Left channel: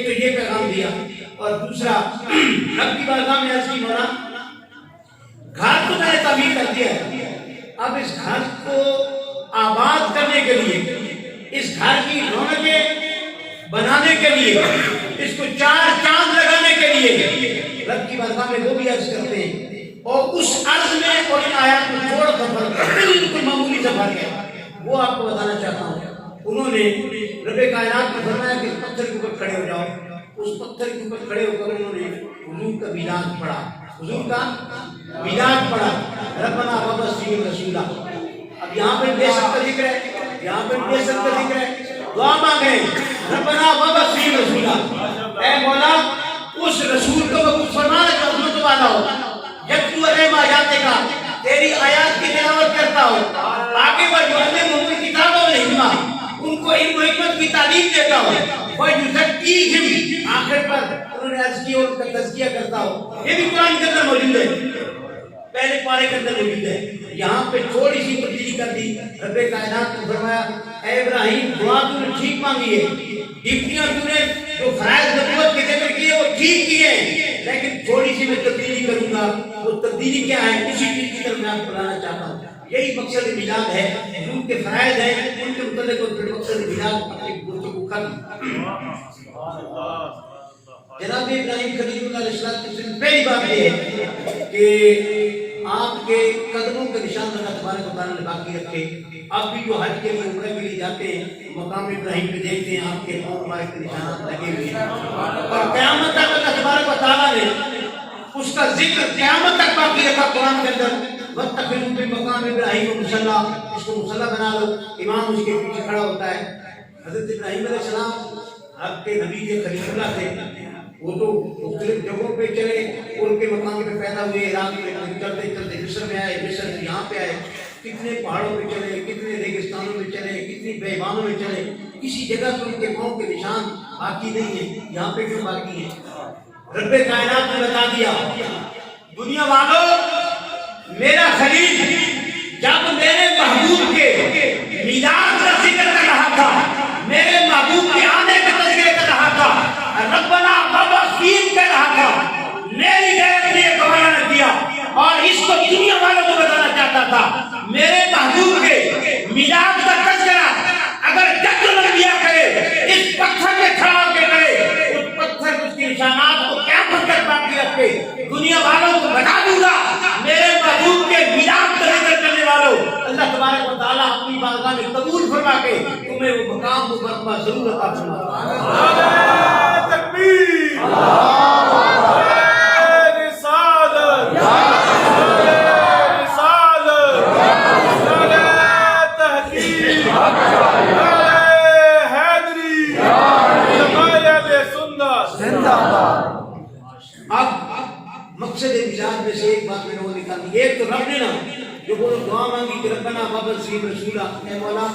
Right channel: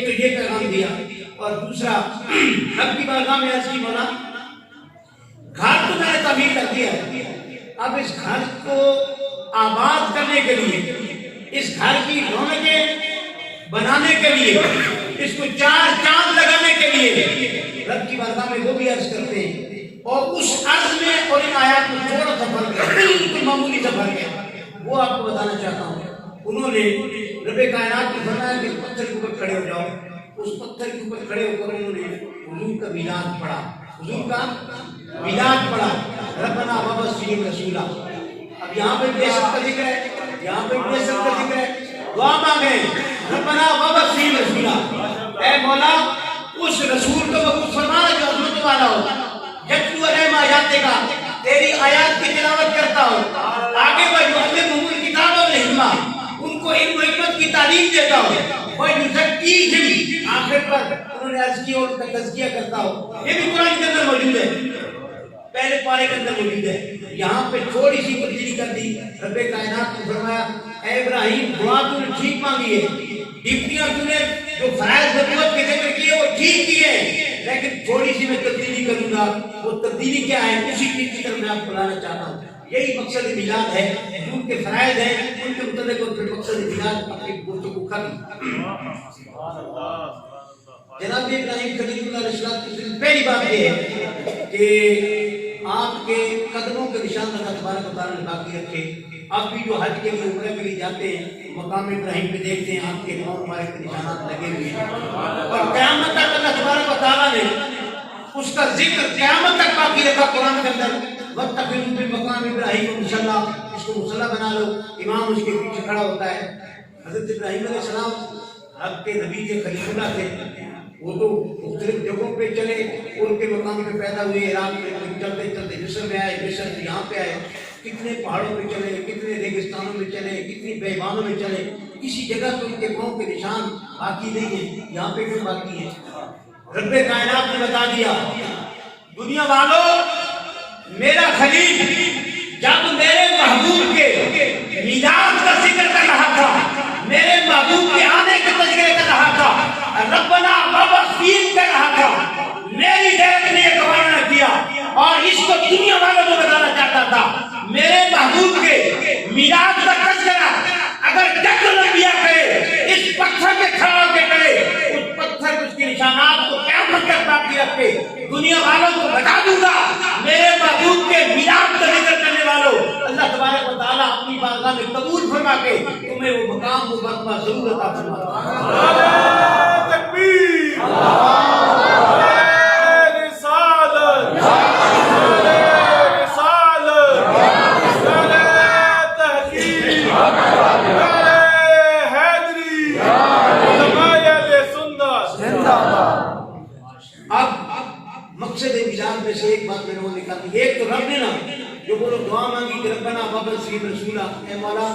ایک تو یہ پیغام دیا، اور دوسرا رب کی بارگاہ میں عرض کی مولا گھر تو میں نے تعمیر کر دیا ہے، اب اس گھر کو آباد کرنے کے لیے، اس گھر کی رونقیں بنانے کے لیے، اس کو چار چاند لگانے کے لیے رب کی بارگاہ میں وہ بھی عرض کرتے ہیں، اور اس عرض میں اور ان آیات میں تھوڑا سا فرق ہے، بالکل معمولی سا فرق ہے، وہ آپ کو بتانا چاہتا ہوں۔ انہوں نے رب کائنات نے فرمایا کہ اس پتھر کے اوپر کھڑے ہو جاؤ، اس پتھر کے اوپر کھڑے ہو کر انہوں نے حضور کا میلاد پڑھا، حضور کا میلاد پڑھا، ربنا وابعث فیہم رسولا۔ اب یہاں پہ بے شک کا ذکر ہے، یہاں پہ بے شک کا ذکر ہے، دعا مانگے ربنا وابعث فیہم رسولا، اے مولا اس رسول کو مبعوث فرما جو عظمت والا ہو، یتلو علیہم آیاتک، تیری آیات کی تلاوت کرتا ہو، آگے ویعلمہم الکتاب والحکمہ، ان کو علم و حکمت کی تعلیم دیتا ہو، ویزکیہم، آخر پر انہوں نے عرض کی اور ان کا تزکیہ کرتا ہو۔ یہ بھی قرآن کے اندر موجود ہے، پہلے پارے کے اندر موجود ہے، یہاں پہ تھوڑی سی تبدیلی کر دی۔ رب کائنات نے فرمایا اے ابراہیم دعا تو نے ٹھیک مانگی ہے، ڈپٹیاں تو نے جو فرائض نبوت کے ذکر کیے وہ ٹھیک کیے، لیکن تھوڑی سی میں تبدیلی کروں گا۔ وہ تبدیلی کیا ہے؟ اسی چیز کی طرف میں آپ کو لانا چاہتا ہوں۔ یہی مقصد میلاد ہے، حضور کے فرائض ہیں، ان کے متعلق اور پھر مقصد میلاد اپنی گفتگو ختم۔ جناب ابراہیم خلیل اللہ علیہ السلام کی پہلی بات یہ ہے کہ آپ کے قدموں کے نشان اللہ تبارک و تعالیٰ نے باقی رکھے۔ آپ بھی جو حج کے لیے عمرے کے لیے جاتے ہیں مقام ابراہیم پہ دیکھتے ہیں آپ کے پاؤں مبارک کے نشانات لگے ہوئے ہیں، اور قیامت تک اللہ تبارک و تعالیٰ نے اس کا ذکر قیامت تک باقی رکھا قرآن کے اندر۔ وَاتَّخِذُوا مِن مَّقَامِ إِبْرَاهِيمَ مُصَلًّى، اس کو مصلی بنا لو، امام اس کے پیچھے کھڑا ہوتا ہے۔ حضرت ابراہیم علیہ السلام آپ کے نبی تھے، خلیل اللہ تھے، وہ تو مختلف جگہوں پہ چلے، ان کے مقام پہ پیدا ہوئے، عراق میں چلتے چلتے مصر میں آئے، مصر سے یہاں پہ آئے، کتنے پہاڑوں پہ چلے، کتنے ریگستانوں میں چلے، کتنی بیابانوں میں چلے، کسی جگہ پہ ان کے پاؤں کے نشان باقی نہیں ہیں، یہاں پہ کیوں باقی ہیں؟ رب کائنات نے بتا دیا دنیا والوں میرا خلیل جب میرے محبوب کے میلاد کا ذکر کر رہا تھا، میرے محبوب کے آنے کا تذکرہ کر رہا تھا، ربنا وابعث فیہم کر رہا تھا، میری غیرت نے یہ گوارا نہ کیا، اور اس کو دنیا والوں کو بتانا چاہتا تھا میرے محبوب کے میلاد کا تذکرہ اگر جد الانبیاء کرے، اس پتھر کے کھڑا ہو کے کرے، اس پتھر کو اس کے نشانات کو قیامت تک باقی رکھے، دنیا والوں کو بتا دوں گا میرے محبوب کے میلاد کا ذکر کرنے والوں اللہ تبارک و تعالیٰ اپنی بارگاہ میں قبول فرما کے تمہیں وہ مقام و مرتبہ ضرور عطا فرماتا ہے۔ تکبیر، اب مقصد میلاد میں سے ایک بات میں نے نکال دی، ایک تو رب نے نا جو وہ دعا مانگی کہ ربنا وابعث فیہم رسولا، اے مولا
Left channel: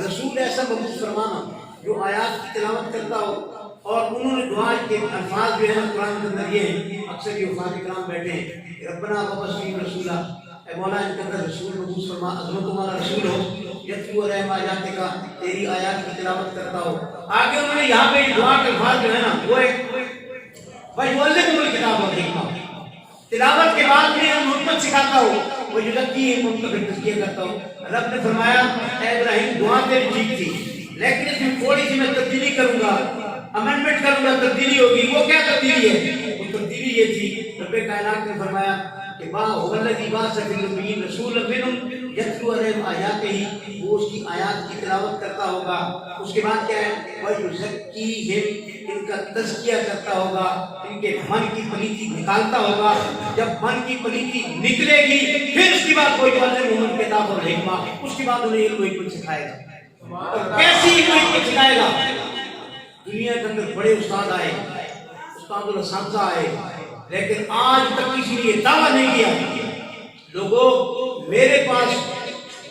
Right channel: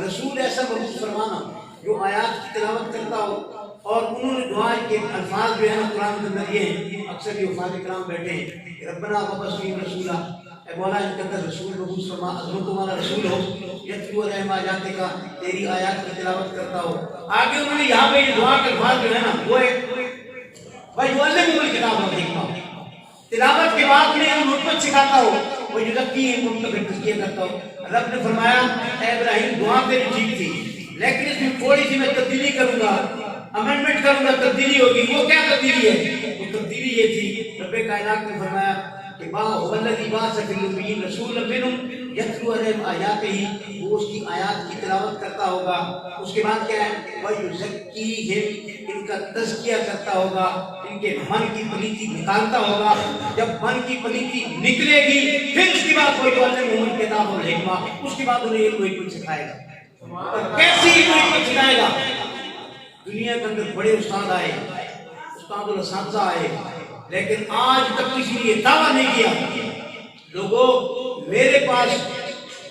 رسول ایسا مبعوث فرمانا جو آیات کی تلاوت کرتا ہو، اور انہوں نے دعا کے الفاظ جو ہے نا قرآن کے اندر یہ ہیں، اکثر یہ حفاظ کرام بیٹھے ہیں کہ ربنا وابعث فیہم رسولا، اے مولا ان کے اندر رسول مبعوث فرما، عظمتوں والا رسول ہو، یتلو علیہم آیاتک، تیری آیات کی تلاوت کرتا ہو۔ آگے انہوں نے یہاں پہ دعا کے الفاظ جو ہے نا وہ ہے وَيُعَلِّمُهُمُ الْكِتَابَ وَالْحِکْمَةَ، تلاوت کے بعد انہیں علم حکمت سکھاتا ہو، وَيُزَکِّیہِم، ان کا پھر تزکیہ کرتا ہو۔ رب نے فرمایا اے ابراہیم دعا تیری ٹھیک تھی، لیکن اس میں تھوڑی سی میں تبدیلی کروں گا، امینڈمنٹ کروں گا، تبدیلی ہوگی۔ وہ کیا تبدیلی ہے؟ وہ تبدیلی یہ تھی، رب کائنات نے فرمایا کہ مَا هُوَ الَّذِی بَعَثَ فِی الْأُمِّیِّینَ رَسُولًا مِّنْهُمْ یتلو علیہم آیاتہ، وہ اس کی آیات کی تلاوت کرتا ہوگا۔ اس کے بعد کیا ہے؟ وَيُزَکِّیہِم، ان کا تزکیہ کرتا ہوگا، ان کے من کی پلیتی نکالتا ہوگا۔ جب من کی پلیتی نکلے گی پھر اس کے بعد وَيُعَلِّمُهُمُ الْکِتَابَ وَالْحِکْمَةَ، اس کے بعد انہیں علم و حکمت سکھائے گا۔ اور کیسی علم و حکمت سکھائے گا؟ دنیا کے اندر بڑے استاد آئے، استاد الاساتذہ آئے، لیکن آج تک کسی نے دعویٰ نہیں کیا لوگوں میرے پاس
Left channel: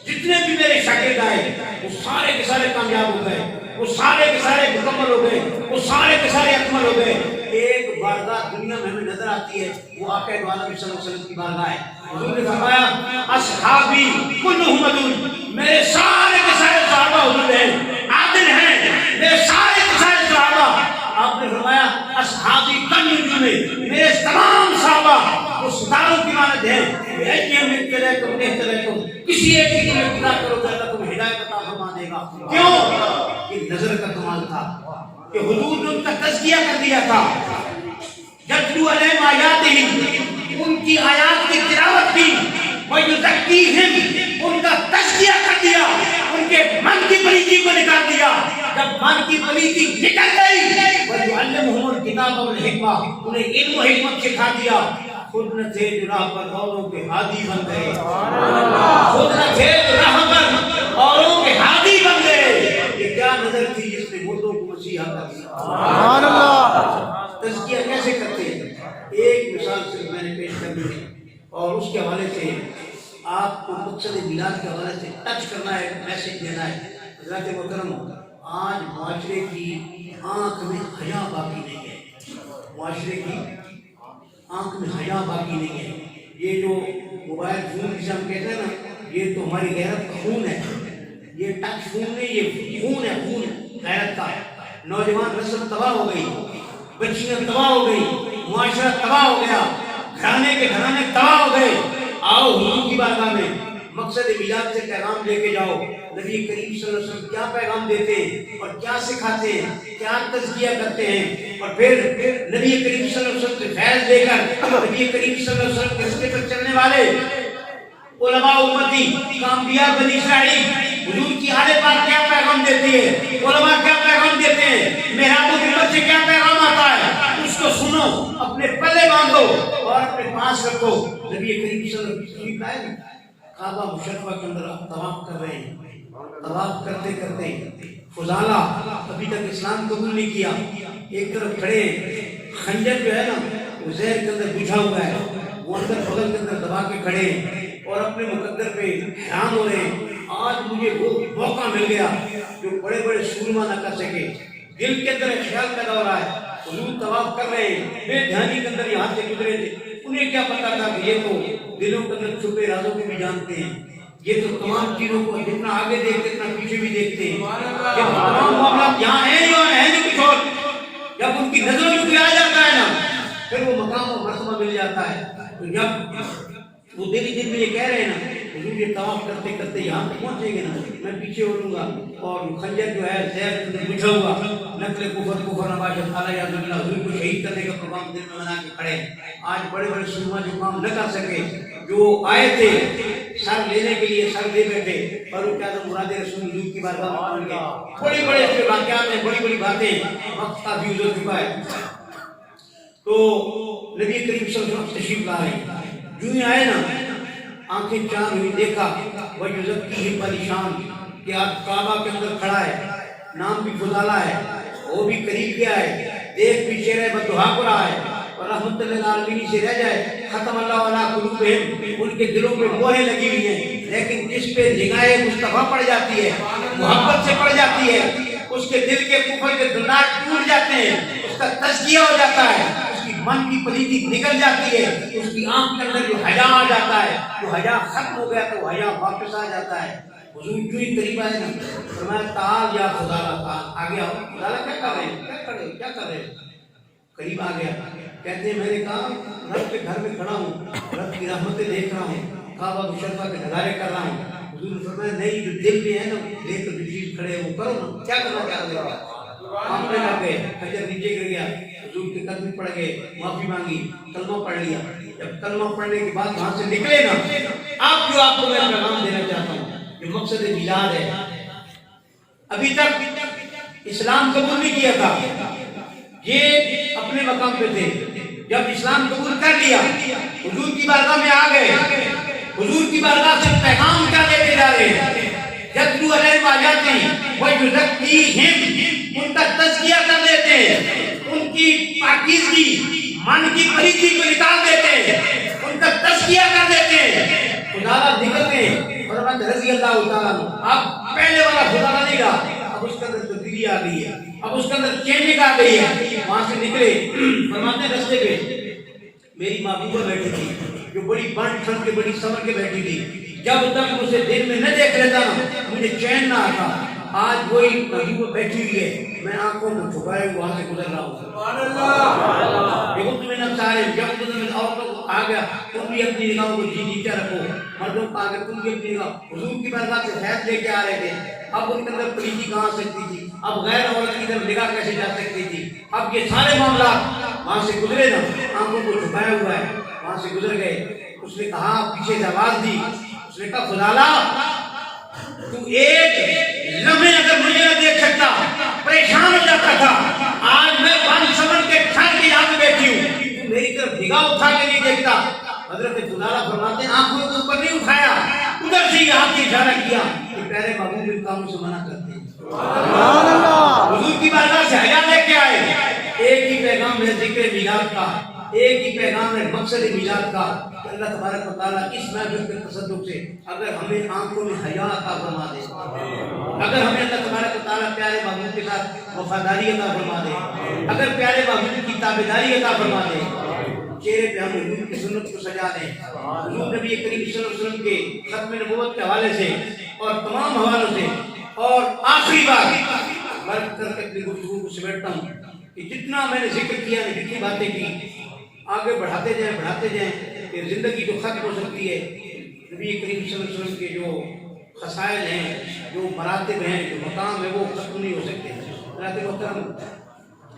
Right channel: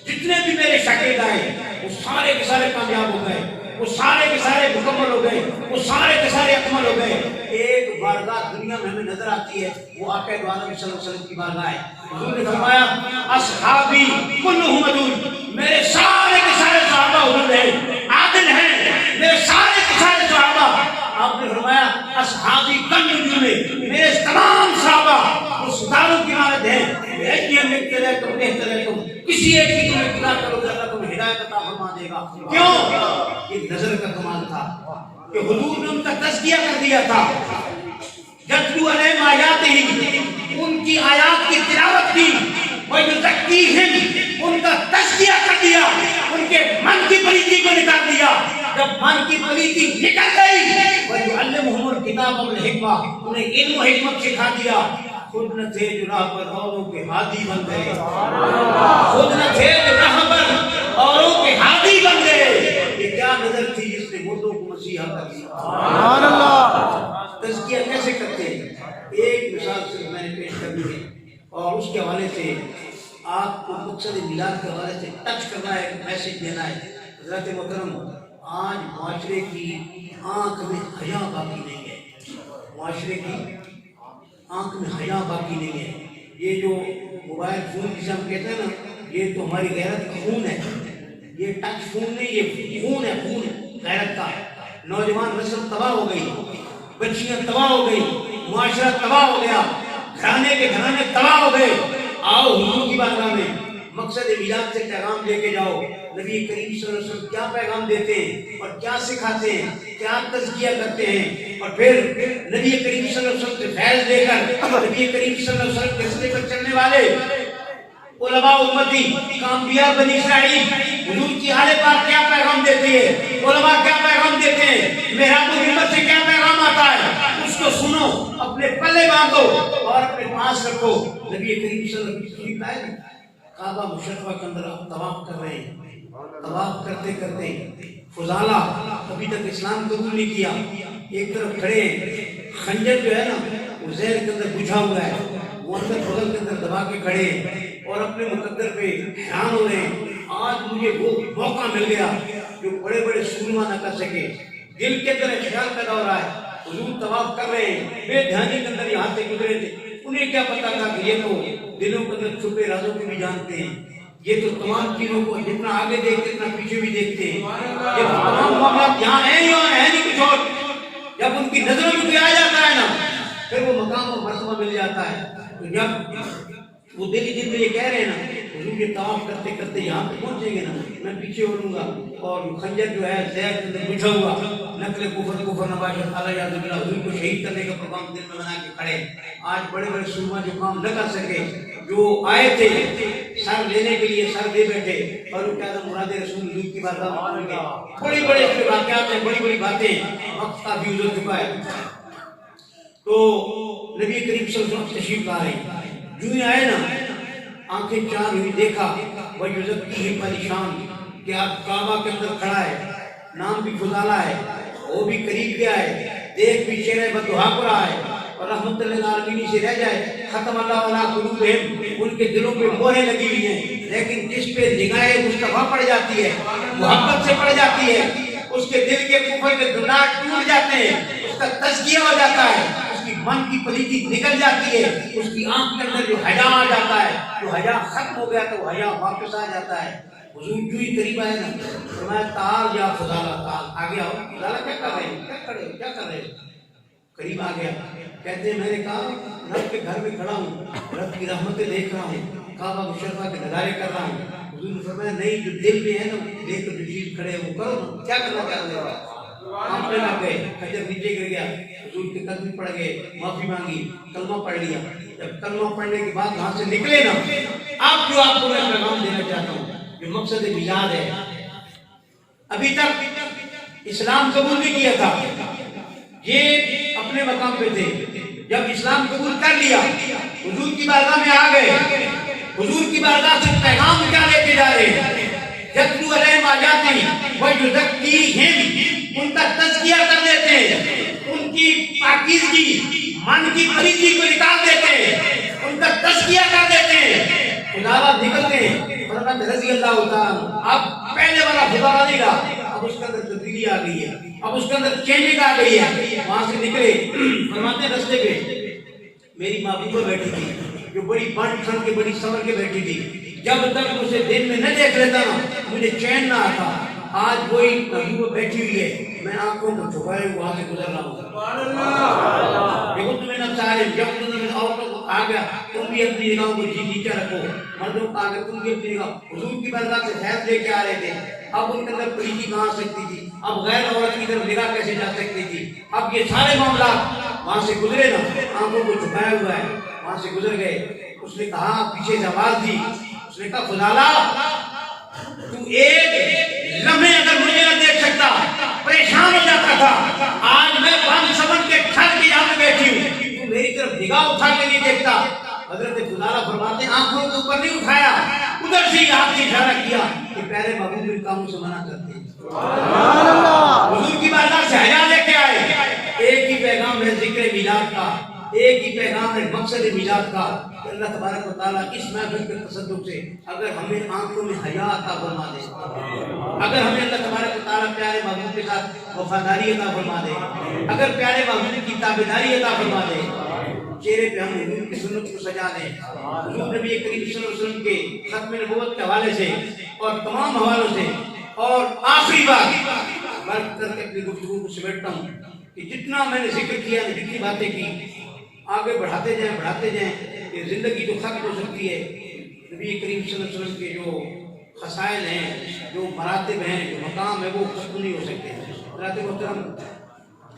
جتنے بھی میرے شاگرد آئے وہ سارے کے سارے کامیاب ہو گئے، وہ سارے کے سارے مکمل ہو گئے، وہ سارے کے سارے اکمل ہو گئے۔ ایک بارگاہ دنیا میں ہمیں نظر آتی ہے، وہ آقا دو عالم صلی اللہ علیہ وسلم کی بارگاہ ہے۔ حضور نے فرمایا اصحابی کلہم عدول، میرے سارے کے سارے صحابہ عدول ہیں، عادل ہیں، میرے سارے کے سارے صحابہ آپ نے فرمایا اصحابی کالنجوم میں، میرے تمام صحابہ وہ ستاروں کی مانند ہیں، تم کسی ایک کی تمہیں خدا کرو گے اللہ تمہیں ہدایت عطا فرما دے گا۔ کیوں؟ یہ نظر کا کمال تھا کہ حضور نے ان کا تزکیہ کر دیا تھا۔ یتلو علیہم آیاتہ، ان کی آیات کی تلاوت کی، وَيُزَكِّيهِمْ، ان کا تزکیہ کر دیا، ان کے من کی پلیتی کو نکال دیا۔ جب من کی پلیتی نکل گئی، وَيُعَلِّمُهُمُ الْكِتَابَ وَالْحِکْمَةَ، انہیں علم و حکمت سکھا دیا۔ خود نہ تھے جو راہ پر اوروں کے ہادی بن گئے، خود نہ تھے جو راہ پر اوروں کے ہادی بن گئے۔ یہ کیا نظر تھی جس نے مردوں کو مسیحا کر دیا۔ سبحان اللہ۔ تزکیہ کیسے کرتے ہیں؟ ایک مثال صرف میں نے پیش کرنی ہے اور اس کے حوالے سے آپ کو مقصد میلاد کے حوالے سے ٹچ کرنا ہے، میسج دینا ہے۔ حضرت محترم، آج معاشرے کی آنکھ میں حیا باقی نہیں ہے، معاشرے کی آنکھ میں حیا باقی نہیں ہے۔ یہ جو موبائل فون جسے ہم کہتے ہیں نا، یہ تو ہماری غیرت کا خون ہے، یہ ٹچ فون نہیں، یہ خون ہے، خون غیرت کا۔ نوجوان نسل تباہ ہو گئی، بچیاں تباہ ہو گئی، معاشرہ تباہ ہو گیا، گھرانے کے گھرانے تباہ ہو گئے۔ آؤ حضور کی بارگاہ میں مقصد میلاد سے پیغام لے کے جاؤ۔ نبی کریم صلی اللہ علیہ وسلم کیا پیغام دیتے ہیں اور کیا سکھاتے ہیں، کیا تزکیہ کرتے ہیں، اور پھر نبی کریم صلی اللہ علیہ وسلم سے فیض لے کر نبی کریم صلی اللہ علیہ وسلم کے راستے پر چلنے والے علماء امتی انبیاء بنی اسرائیل حضور کی آل پاک کیا پیغام دیتی ہے، علماء کیا پیغام دیتے ہیں، محراب الہمت سے کیا پیغام آتا ہے، اس کو سنو، اپنے پلے باندھو اور اپنے پاس رکھو۔ نبی کریم صلی اللہ علیہ وسلم کعبہ مشرفہ کے اندر آپ طواف کر رہے ہیں، طواف کرتے کرتے فضالہ ابھی تک اسلام قبول نہیں کیا، ایک طرف کھڑے ہیں، خنجر جو ہے نا وہ زہر کے اندر بجھا ہوا ہے، وہ اندر بغل کے اندر دبا کے کھڑے ہیں اور اپنے مقدر پہ حیران ہو رہے ہیں۔ آج مجھے وہ موقع مل گیا جو بڑے بڑے سورما نہ کر سکے۔ دل کے اندر ایک خیال پیدا ہو رہا ہے، حضور طواف کر رہے ہیں، بے دھیانی کے اندر یہاں سے گزرے تھے، انہیں کیا پتا تھا کہ یہ تو دلوں کے اندر چھپے رازوں کو بھی جانتے ہیں، یہ تو تمام چیزوں کو جتنا آگے دیکھتے اتنا پیچھے بھی دیکھتے ہیں، یہ تمام معاملات یہاں ہیں یا ہے نہیں کچھ اور۔ جب ان کی نظروں میں کوئی آ جاتا ہے نا، پھر وہ مقام و مرتبہ مل جاتا ہے۔ تو جب وہ دل ہی دل میں یہ کہہ رہے ہیں نا، حضور یہ طواف کرتے کرتے یہاں پہ پہنچیں گے نا، میں پیچھے اڑوں گا اور خنجر جو ہے زہر کے اندر بجھا ہوا، نقل کفر نباشت اعلیٰ یاد اللہ، حضور کو شہید کرنے کا پروگرام دل میں بنا کے کھڑے۔ آج بڑے بڑے سورما جو کام نہ کر سکے، جو آئے تھے سر لینے کے لیے، سر دے بیٹھے، فاروق اعظم مراد رسول حضور کی بارگاہ میں پہنچ گئے۔ بڑی بڑے اس واقعات ہیں، بڑی بڑی باتیں، وقت کافی گزر چکا ہے۔ تو نبی کریم صلی اللہ علیہ وسلم تشریف لا رہے ہیں، جو ہی آئے نا آنکھیں چار ہوئی، دیکھا وَيُزَكِّيهِمْ پریشان کہ آپ کعبہ کے اندر کھڑا ہے، نام بھی فضالہ ہے، وہ بھی قریب گیا ہے، دیکھ بھی چہرہ بددعا کو رہا ہے، اور رحمت للعالمین سے رہ جائے، ختم اللہ علیہ قلوبہم، ان کے دلوں پہ مہریں لگی ہوئی ہیں، لیکن جس پہ نگاہ مصطفیٰ پڑ جاتی ہے، محبت سے پڑ جاتی ہے، اس کے دل کے کفر کے دندار ٹوٹ جاتے ہیں، اس کا تزکیہ ہو جاتا ہے، اس کی من کی پلیتی نکل جاتی ہے، اس کی آنکھ کے اندر جو حیا آ جاتا ہے، جو حیا ختم ہو گیا تو وہ حیا واپس آ جاتا ہے۔ حضور جو ہی قریب آئے نا، فرمایا تعال یا فضالہ، تعال، آگے آؤ۔ فضالہ کیا کر رہے ہیں، کیا کر رہے ہو، کیا کر رہے ہو؟ قریب آ گیا، کہتے ہیں میں نے کہا رب کے گھر میں کھڑا ہوں، رب کی رحمتیں دیکھ رہا ہوں، کعبہ مشرفہ کے نظارے کر رہا ہوں۔ حضور نے فرمایا نہیں، جو دل میں ہے نا دیکھ کر جو چیز کھڑے وہ کرو نا، کیا کرنا چاہتے ہو؟ کانپنے لگ گئے، خنجر نیچے گر گیا، حضور کے قدم پڑ گئے، معافی مانگی، کلمہ پڑھ لیا۔ جب کلمہ پڑھنے کے بعد وہاں سے نکلے نا، آپ کو میں پیغام دینا چاہتا ہوں، جو مقصد میلاد ہے، ابھی تک اسلام قبول نہیں کیا تھا، یہ اپنے مقام پہ تھے، جب اسلام قبول کر لیا حضور کی بارگاہ میں آ گئے، حضور کی بارگاہ سے پیغام کیا لے کے جا رہے ہیں؟ یتلو علیہم آیاتہ ویزکیہم، ان کا تزکیہ کر دیتے ہیں، ان کی پاکیزگی، من کی پلیتی کو نکال دیتے ہیں، ان کا تزکیہ کر دیتے ہیں۔ خداوند نکلتے ہیں، فرماتے رضی اللہ تعالیٰ، اب پہلے والا خداوند نہیں رہا، اب اس کے اندر تبدیلی آ گئی ہے، اب اس کے اندر چینجنگ آ گئی ہے۔ وہاں سے نکلے، فرماتے رستے پہ میری محبوبہ بیٹھی تھی، جو بڑی بن ٹھن کے بڑی سمر کے بیٹھی تھی، جب تک اسے دن میں نہ دیکھ لیتا نا مجھے چین نہ آتا۔ آج وہی محبوبہ بیٹھی ہوئی ہے، میں آنکھوں کو چھپائے وہاں سے گزر رہا ہوں. سبحان اللہ. یغض من ابصارہم یغضض من عورتوں کو آ گیا تم بھی اپنی نگاہوں کو نیچے رکھو. مردوں کو آ گیا تم بھی اپنی نگاہ. حضور کی بارگاہ سے فیض لے کے آ رہے تھے. اب ان کے اندر پلیتی کہاں آ سکتی تھی؟ اب غیر عورت کی طرف نگاہ کیسے جا سکتی تھی؟ اب یہ سارے معاملات وہاں سے گزرے نا, آنکھوں کو چھپایا ہوا ہے, وہاں سے گزر گئے. اس نے کہا پیچھے سے آواز دی, اس نے کہا فضالہ تو ایک لمحے اگر مجھے نہ دیکھ سکتا پریشان ہو جاتا تھا. آج میں 1 کے چھت کے یہاں پہ بیٹھی ہوں, تو میری طرف نگاہ اٹھا کے نہیں دیکھتا. حضرت فضالہ فرماتے ہیں آنکھوں کو اوپر نہیں اٹھایا, ادھر سے ہاتھ سے اشارہ کیا کہ پیارے محبوب ان کاموں سے منع کرتے ہیں. سبحان اللہ. حضور کی بارگاہ سے حیا لے کے آئے. ایک ہی پیغام ہے ذکر میلاد کا, ایک ہی پیغام ہے مقصد میلاد کا کہ اللہ تبارک و تعالیٰ اس محفل کے تصدق سے اگر ہمیں آنکھوں میں حیا عطا فرما دے, اگر ہمیں اللہ تبارک و تعالیٰ پیارے محبوب کے ساتھ وفاداری عطا فرما دے, اگر پیارے محبوب کی تابعداری عطا فرما دے, چہرے پہ ہم حضور کی سنت کو سجا دیں. حضور نبی کریم صلی اللہ علیہ وسلم کے ختم نبوت کے حوالے سے اور تمام حوالوں سے. اور آخری بات برق کر کے اپنی گفتگو کو سمیٹتا ہوں کہ جتنا میں نے ذکر کیا, جتنی باتیں کی, آگے بڑھاتے جائیں کہ زندگی تو ختم ہو سکتی ہے. نبی کریم صلی اللہ علیہ وسلم کے جو خصائل ہیں, جو مراتب ہیں, جو مقام ہے, وہ ختم نہیں ہو سکتے. حضرات محترم,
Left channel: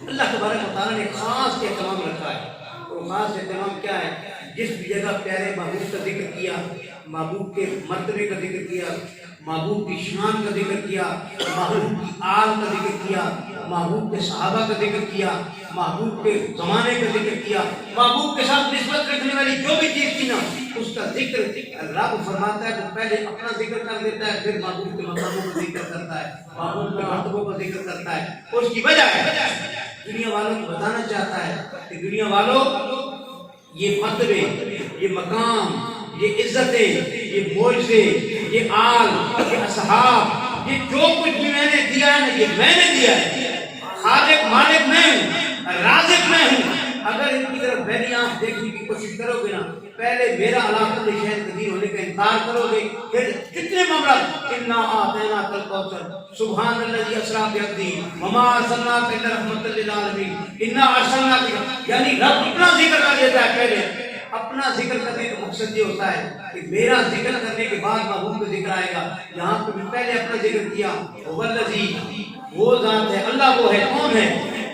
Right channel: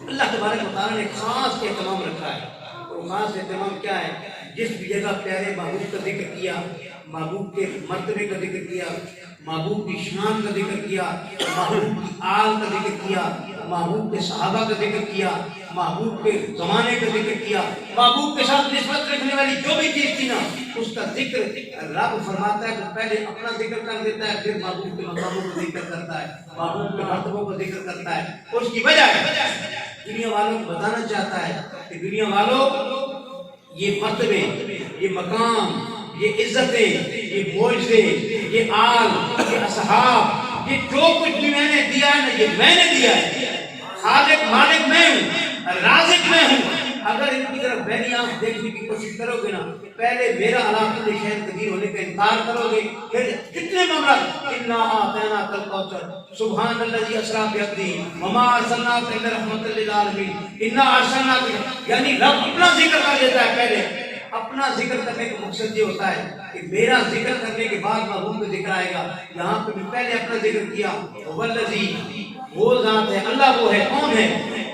اللہ تبارک و تعالیٰ نے خاص اہتمام رکھا ہے, اور خاص اہتمام کیا ہے؟ جس بھی جگہ پیارے محبوب کا ذکر کیا, محبوب کے مرتبے کا ذکر کیا, محبوب کی شان کا ذکر کیا, محبوب کی آل کا ذکر کیا, محبوب کے صحابہ کا ذکر کیا, محبوب کے زمانے کا ذکر کیا, محبوب کے ساتھ نسبت رکھنے والی جو بھی چیز تھی نا, اس کا ذکر رب فرماتا ہے تو پہلے اپنا ذکر کر دیتا ہے, پھر محبوب کے مقاموں کا ذکر کرتا ہے, محبوب کے مرتبوں کا ذکر کرتا ہے. اس کی وجہ ہے دنیا والوں کو بتانا چاہتا ہے کہ دنیا والوں یہ مرتبے, یہ مقام, یہ عزتیں, یہ معجزے, یہ آل, یہ اصحاب, یہ جو کچھ بھی میں نے دیا ہے نا, یہ میں نے دیا ہے. خالق مالک میں ہوں, رازق میں ہوں. اگر ان کی طرف میری آنکھ دیکھنے کی کوشش کرو گے نا, پہلے میرا علاقہ شہر قدیر ہونے کا انکار کرو گے, پھر جتنے معاملات انا اعطیناک الکوثر سبحان الذی اسری بعبدہ وما ارسلناک الا رحمۃ للعالمین انا ارسلناک, یعنی رب اپنا ذکر کر دیتا ہے. پہلے اپنا ذکر کرنے کا مقصد یہ ہوتا ہے کہ میرا ذکر کرنے کے بعد محبوب کا ذکر آئے گا. یہاں پہ بھی پہلے اپنا ذکر کیا, والذی, وہ ذات ہے, اللہ وہ ہے, کون ہے؟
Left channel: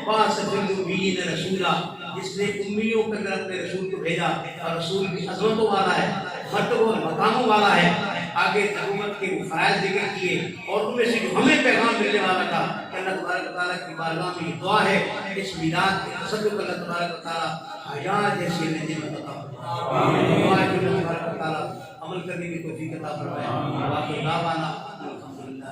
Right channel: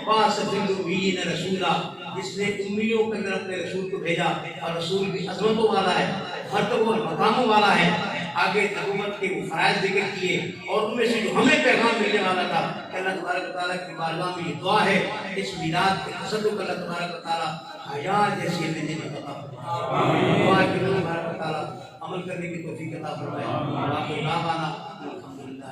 بعث فی الامیین رسولا, جس نے امیوں کے اندر اپنے رسول کو بھیجا, اور رسول بھی عظمتوں والا ہے, مرتبوں اور مقاموں والا ہے. آگے نبوت کے وہ فرائض ذکر کیے, اور ان میں سے جو ہمیں پیغام ملنے والا تھا کہ اللہ تبارک و تعالیٰ کی بارگاہ میں یہ دعا ہے, اس میلاد کے تصدق اللہ تبارک و تعالیٰ حیا جیسی نعمت عطا فرمائے. دعا ہے کہ اللہ تبارک و تعالیٰ عمل کرنے کی توفیق عطا فرمائے. واخر دعوانا الحمدللہ.